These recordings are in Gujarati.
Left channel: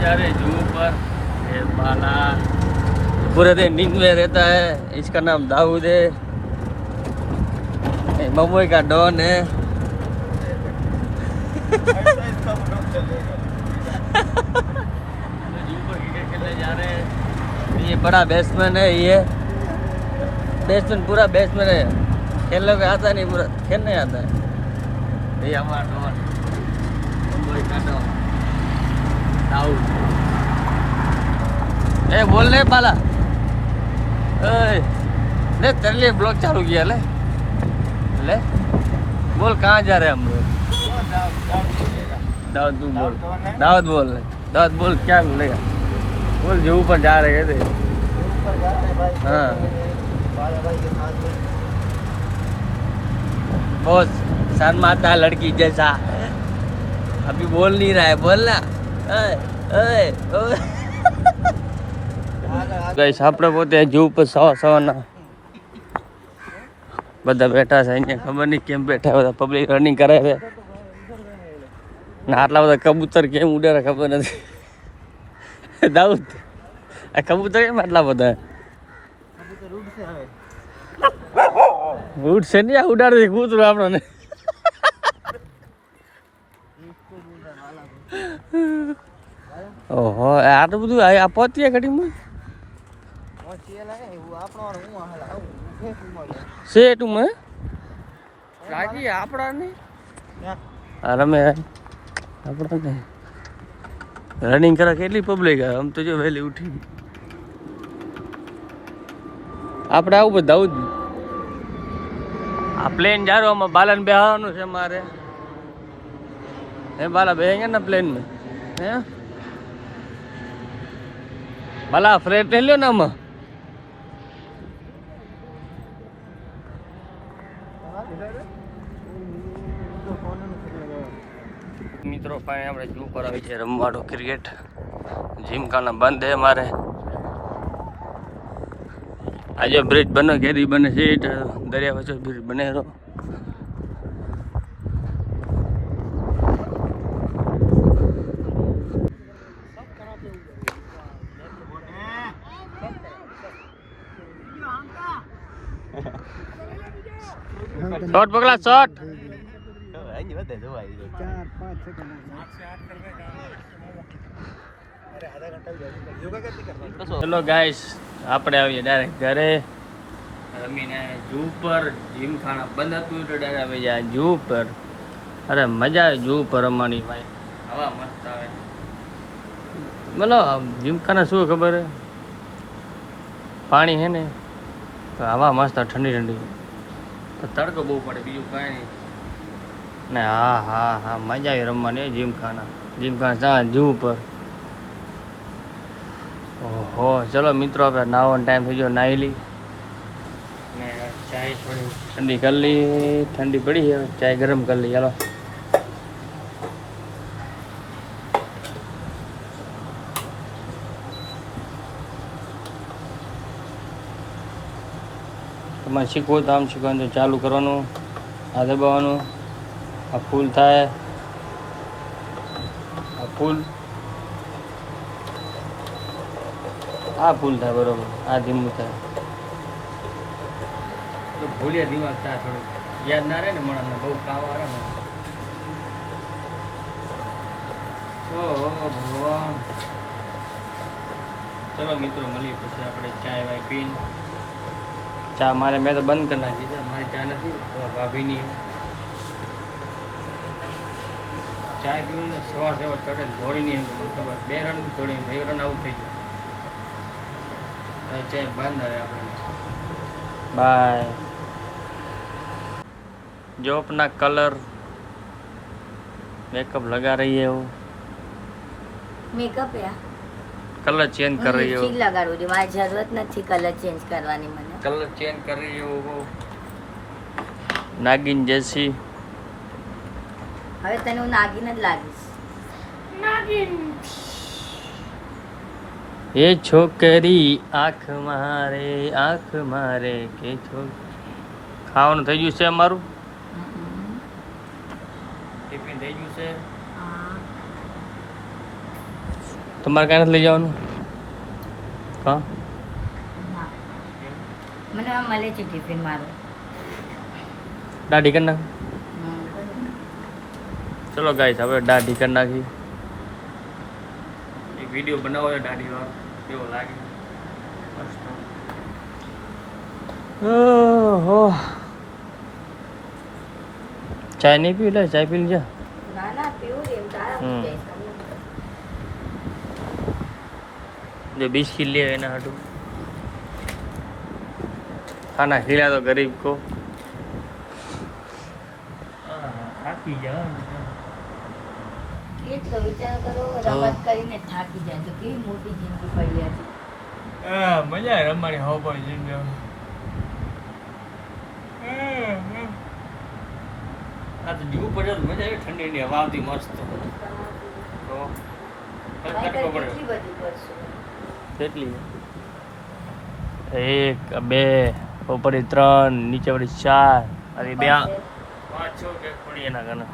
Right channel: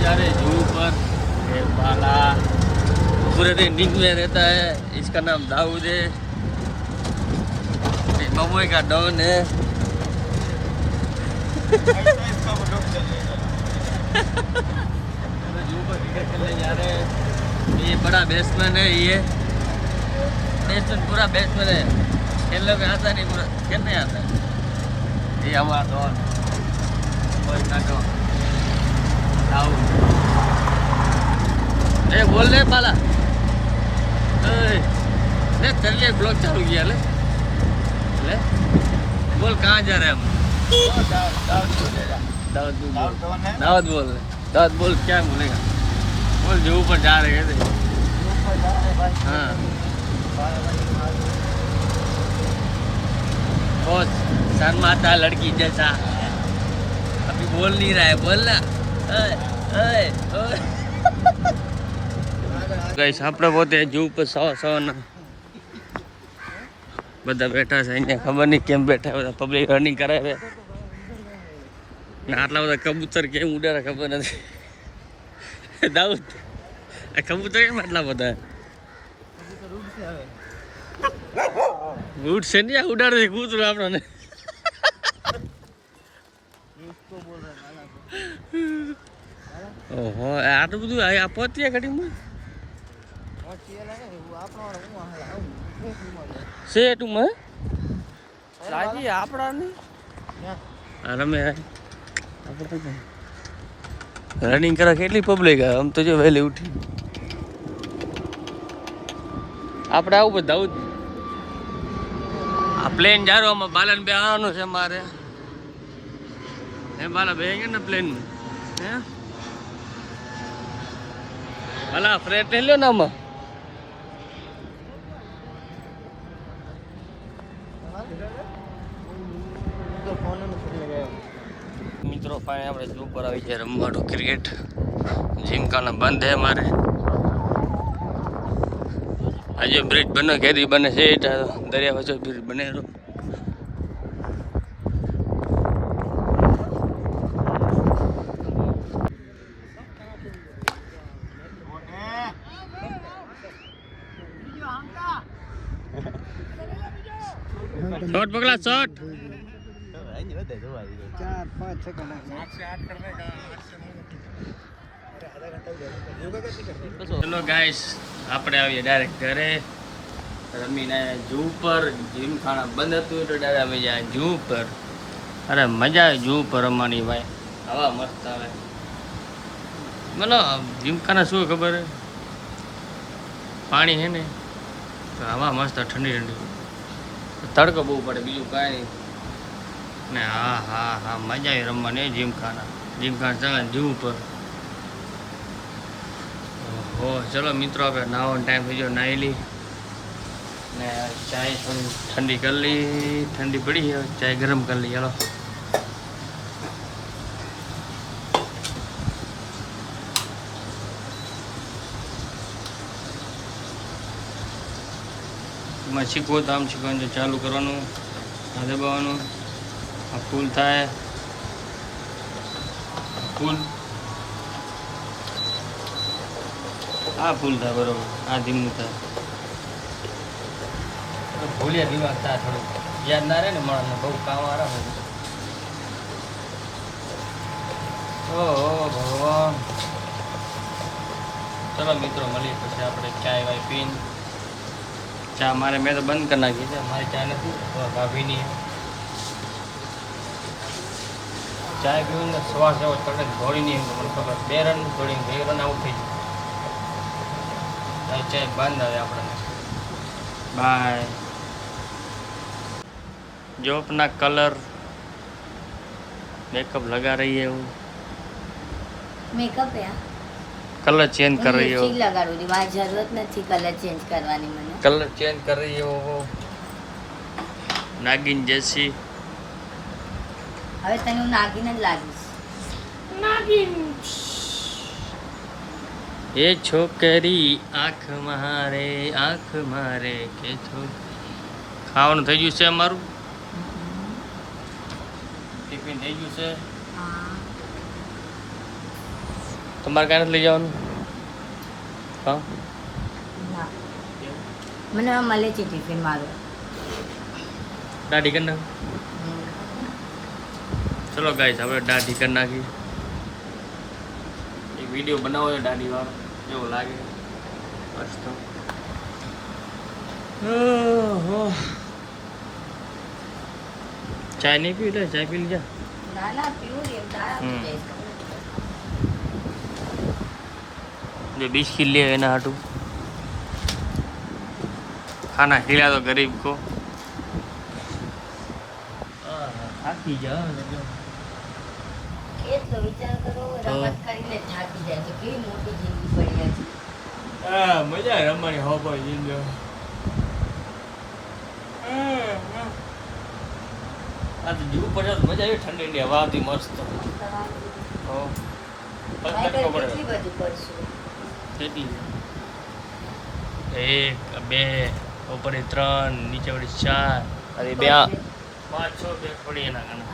जा रहे हैं जू पर। ये बाला पूरे दिन नींद में रहता है। इसका नाम दाऊद है। ममुई का डॉन है। खेलने जा रहे हैं। ये बड़ा बैट्समैन है। ये बैट्समैन पूरा बैट्समैन है। खेलने में आता नहीं, पूरा खेलने आता है। ये हमारा डॉन ममुई का डॉन दाऊद। बोल रहे पाला चलिए ब्लॉग चालू किया ले बोल कहाँ जा रहे हैं हम लोग। दाऊद बोल दाऊद बोल दाऊद बोल क्या बोलेगा बोल जो ऊपर जा रहे थे। हाँ बहुत शर्माता लड़की जैसा अभी बोल नहीं रहा है। बोलना गाइस આપણે પોતે જૂ પર સવારના બધા બેઠા છે અહીંયા ખબર નહીં કેમ બેઠા બધા પબ્લિક રનિંગ કરે છે ને આટલા બધા કબૂતર કેમ ઉડે ખબર નથી. દાઉદ આ કબૂતર કેમ આટલા બધા ઉડશે નહીં આ ઉડાડે કૂતરું આપણને. ઓહો આટલું બધું આ પહોંચીએ ઘડીમાં છે તું મને લાગી આપણા નહીં રમે આપણા રનિંગ કરે કેટલી પબ્લિક આમ તો જો વહેલી ઉઠી આપણે આવું બધા આવું જ આ પ્લેન જારો આમાં બાલાને બેહવાનું છે મારે. હે બાલા બેહેંગે ને પ્લેન में હે બાલા ફ્રેટ લ્યો ને આમાં મિત્રો ફાઇનલ આપણે જૂ પર આવી છે રમવાનું ક્રિકેટ. જીમખાના બંધ હે મારે. આજે બ્રિજ બને કેદી બને છે દરિયા વચ્ચે બ્રિજ બને રહ્યો. શોટ પકડા શોટ. હેલો ગાઈસ આપણે આવીએ ડાયરેક્ટ ઘરે રમીને જૂ પર. જીમખાના બંધ હતું એટલે ડાયરેક્ટ આવી જાય જૂ પર. અરે મજા આવે જૂ પર રમવાની ભાઈ. હવા મસ્ત આવે. મતલબ જીમખાના શું ખબર હે પાણી હે ને તો હવા મસ્ત ઠંડી ઠંડી. તડકો બહુ પડે બીજું કાંઈ નહીં ને. હા હા હા મજા આવી રમવાની જીમખાના. જીમખાના જૂ પર. ઓહો ચલો મિત્રો આપણે નાવાનો ટાઈમ થઈ ગયો. નાહી લી ને ચાય થોડી ઠંડી કરી લી. ઠંડી પડી હવે ચાય ગરમ કરી લી. ચાલો તમારે શીખવો તો આમ શીખવાનું તો ચાલુ કરવાનું. આ દબાવવાનું. આ ફૂલ થાય. આ ફૂલ આ ફૂલ થાય બરોબર. આ ધીમું થાય તો ભૂલ્યા દિમાગ થાય થોડું યાદ ના રહે ને માણસને. બહુ કામ આવે ને. ઓહો ભગવાન. ચલો મિત્રો મળીએ પછી આપણે ચાય વાય પીને. ચા મારે મેં તો બંધ કરી નાખી છે. મારી ચા નથી ભાભીની. ચાય પીવું ને સવાર સવાર ચડે દોડીની એમ તો મને ખબર 2 રન દોડીને 2 રન આઉટ થઈ ગયું. ચાય બંધ આવે આપણને. બાય. जो अपना कलर मेकअप लगा रही है वो मेकअप है कलर चेंज कर रही हो. લગાડું છું. મારી જરૂરત નથી કલર ચેન્જ કરવાની. મને कलर चेंज कर रही हो वो नागिन जैसी. હવે તને હું નાગિન જ લાગીશ. નાગિન. ये छोकरी आँख मारे के छोक. ખાવાનું થઈ ગયું છે અમારું. ટિફિન થઈ ગયું છે. તમારે ક્યાં નથી લઈ જવાનું? હા ના મને આ મળે છે ટિફિન મારું. દાઢી કરી નાખ. ચલો ગાઈસ હવે દાઢી કરી નાખી. એક વિડીયો બનાવો છે દાઢી વાળો, કેવો લાગે મસ્ત. ઓહો ચાય નહીં પી લે, ચાય પી લીધા. ના ના પીવું એમ હમ. તારા जो बिस्किट लिए है ना हटू खाना खिला तो गरीब को. થાકી જાઓ એ તો વિચાર કરો રમત કરીને થાકી જાય છે કેવી મોટી જિંદગી પડી છે. હા મજા આવે રમવાની. હો ભાઈ જિંદગી આ તો જીવું પડે તો મજા આવી. ઠંડી હવા આવતી મસ્ત. તો તડકો પડે કેટલી બધું કરશું. કેટલી? 1 2 ઉપર 3 નીચે વળી 4 અરે 2 5 6 કેક પડી એના કને.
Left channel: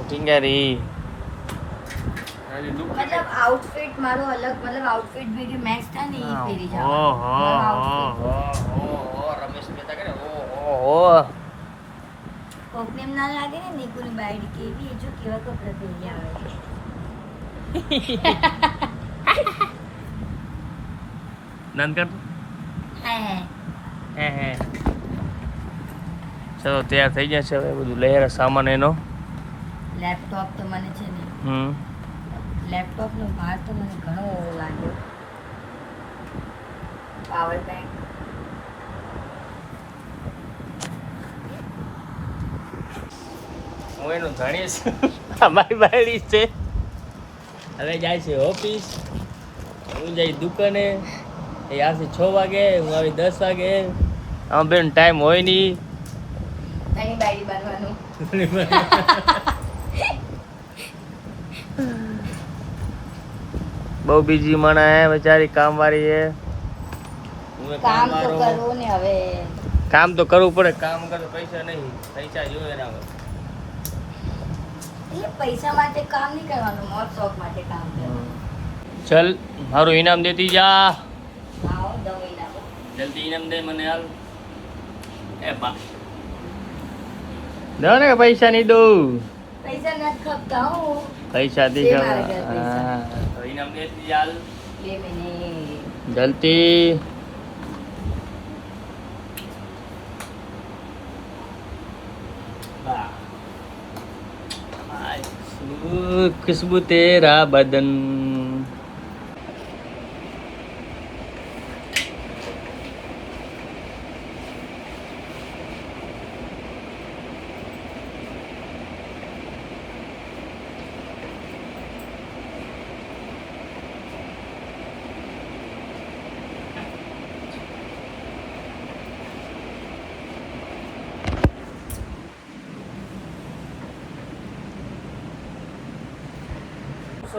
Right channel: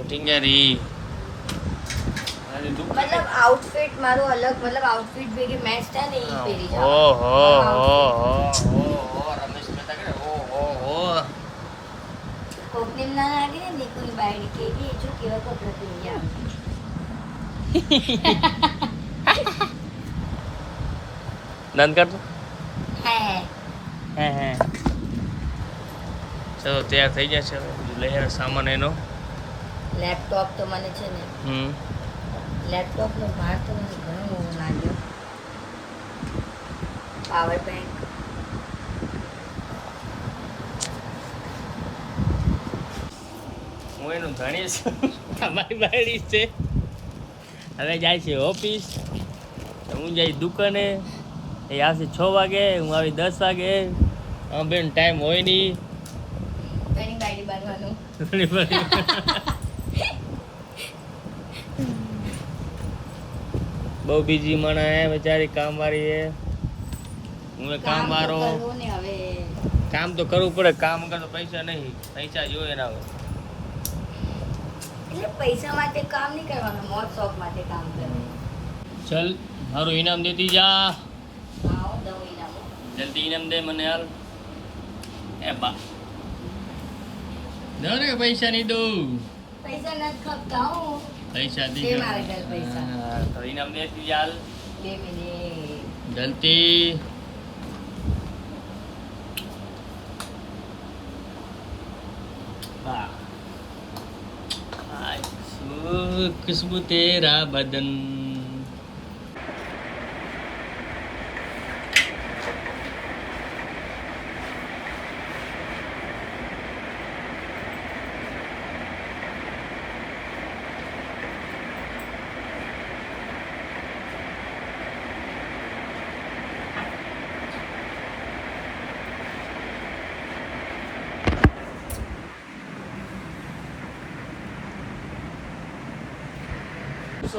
ઉઠી ગયા રી. આજે દુખ મતલબ આઉટફિટ મારો અલગ, મતલબ આઉટફિટ ભેગી મેચ થાય ને એ પહેરી જાવ. ઓહો રમેશ મહેતા કરે ઓહો. કોકને એમ ના લાગે ને નીકુની બાયડી કે કે જો કેવા કપડાં પહેરી આવે. નંદ કરતો હે ચલો તૈયાર થઈ જશે હવે બધું લઈ આવ્યા સામાન એનો. લેપટોપ તો મને છે ને લેપટોપનો ભાર તો મને ઘણો લાગ્યો. પાવર બેંક હું એનું ધણી છું. અમારી બાયડી છે. હવે જાય છે ઓફિસ, હું જાય દુકાને. એ આવશે 6 વાગે, હું આવી 10 વાગે. આમ બેન ટાઈમ હોય નહીં. એની બાયડી બનવાનું. બહુ બીજી માણા હે બેચારી, કામવાળી હે. હું કામ કામ તો વાળો. કરવું ને હવે. કામ તો કરવું પડે, કામ વગર તો પૈસા નહીં. પૈસા જોઈએ એના વગર. એટલે પૈસા માટે કામ નહીં કરવાનું, મોજ શોખ માટે કામ કરવાનું. ચલ મારું ઇનામ દેતી જા. આવો દઉં ઇનામ. જલ્દી ઇનામ દે મને હાલ. એ બા દો ને કે પૈસા નહીં દઉં. પૈસા નથી ખપતા હું. પૈસા દી છે મારા ઘરે પૈસા. હા તો ઇનામ દેતી જા હાલ. 2 મિનિટ. જલ્દી. વાહ खुशबू तेरा बदन.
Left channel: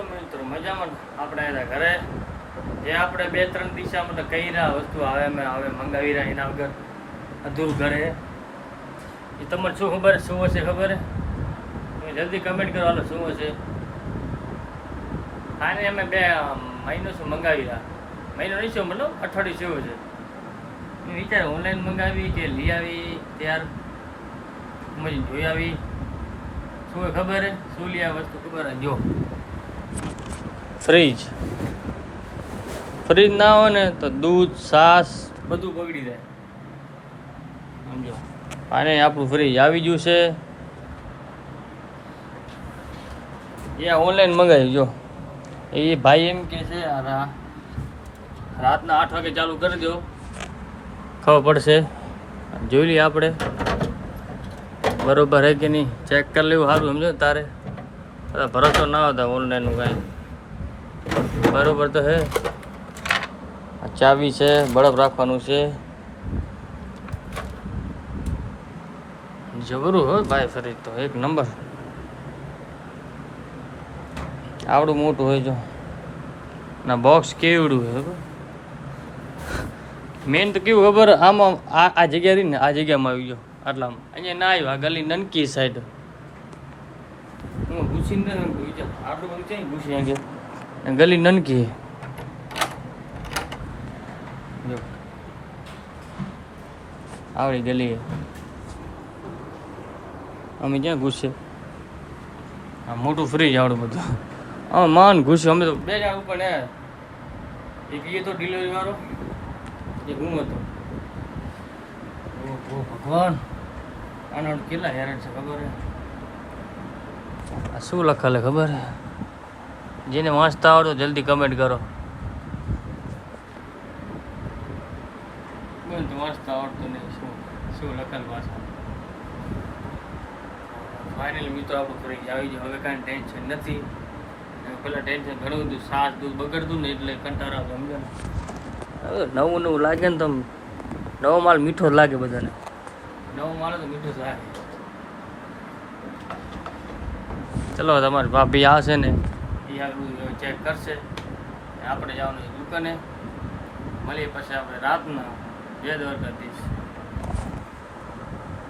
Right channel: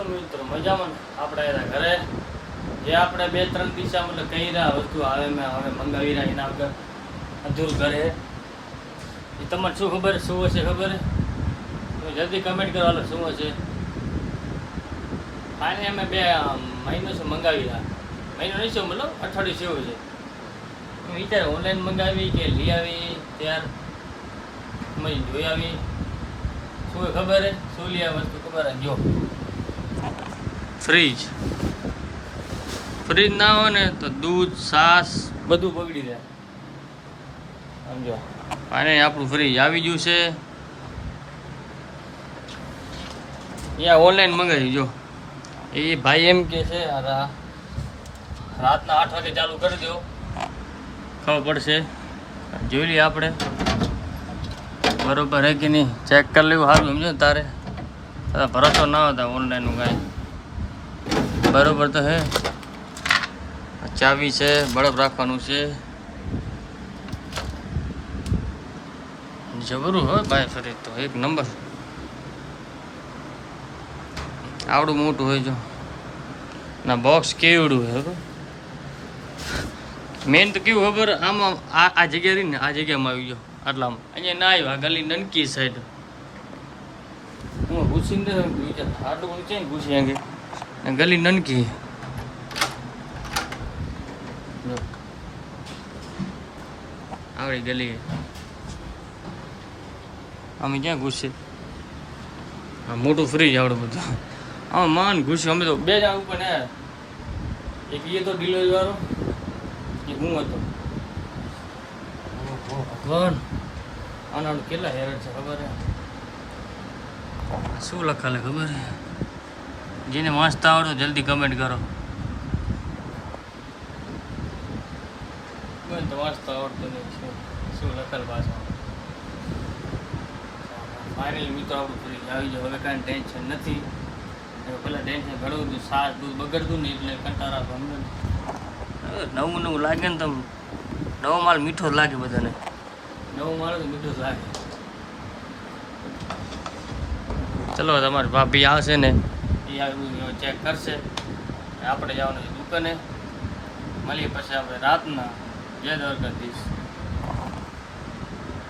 મિત્રો મજામાં ને? આપણે એના ઘરે જે આપણે 2-3 દિશા મતલબ કહી રહ્યા વસ્તુ હવે મંગાવી રહ્યા એના વગર અધૂરું ઘરે. એ તમને શું ખબર શું હશે ખબર હે? તમે જલ્દી કમેન્ટ કરો હાલો શું હશે. ખાને અમે 2 મહિનો શું મંગાવી રહ્યા. મહિનો નહીં શું મતલબ અઠવાડિયું શું છે. વિચાર ઓનલાઈન મંગાવી કે લઈ આવી ત્યાર મળી જોઈ આવી. શું ખબર હે શું લઈ આવી વસ્તુ ખબર હે? જો ફ્રીજ ના હોય ને તો દૂધ છાશ બધું બગડી જાય. સમજો અને આપણું ફ્રીજ આવી ગયું છે. યા ઓનલાઈન મંગાવ્યું. જો એ ભાઈ એમ કે છે રાતના 8 વાગે ચાલુ કરી દો, ખબર પડશે. જોઈ લઈએ આપણે બરોબર હે કે નહીં, ચેક કરી લેવું સારું. સમજો તારે ભરોસો ના હોતા ઓનલાઈનનું કાંઈ. બરોબર તો હે. ચાવી છે, બરફ રાખવાનું છે. જબરું હોય ભાઈ ફરીદ તો એક નંબર. આવડું મોટું હોય જો ના બોક્સ કેવડું હોય ખબર. મેન તો કેવું ખબર આમાં આ જગ્યા રહી ને આ જગ્યામાં આવી ગયો આટલામાં. અહીંયા ના આવ્યું. આ ગલી નનકી સાઈડ હું ઘૂસી આટલું બધું છે ને ઘૂસી અંગે ગલી નનકી જો આવડી ગલી અમે ક્યાં ઘૂસે આ મોટું ફ્રીજ આવડું બધું અમે માન ઘૂસ્યું અમે તો બે જણ ઉપર ને એક એ તો ડિલિવરી વાળો એક હું હતો ભગવાન આના કેટલા હેરાન છે ખબર હે આ શું લખેલે ખબર હે જેને વાંચતા આવડો જલ્દી કમેન્ટ કરો બોલ તો વાંચતા આવડતું નહીં શું લખેલ ભાષા ફાઇનલી મિત્રો આપણું ફ્રીજ આવી ગયો હવે કાંઈ ટેન્શન નથી પેલા ટેન્શન ઘણું બધું સાર દૂધ બગડતું ને એટલે કંટાળા હવે નવું નવું લાગે ને તમે નવો માલ મીઠો જ લાગે બધાને નવો માલ તો મીઠો જ લાગે ચલો તમારી ભાભી આવશે ને એ ચેક કરશે આપણે જવાનું છે દુકાને મળીએ પછી આપણે રાતના જય દ્વારકાધીશ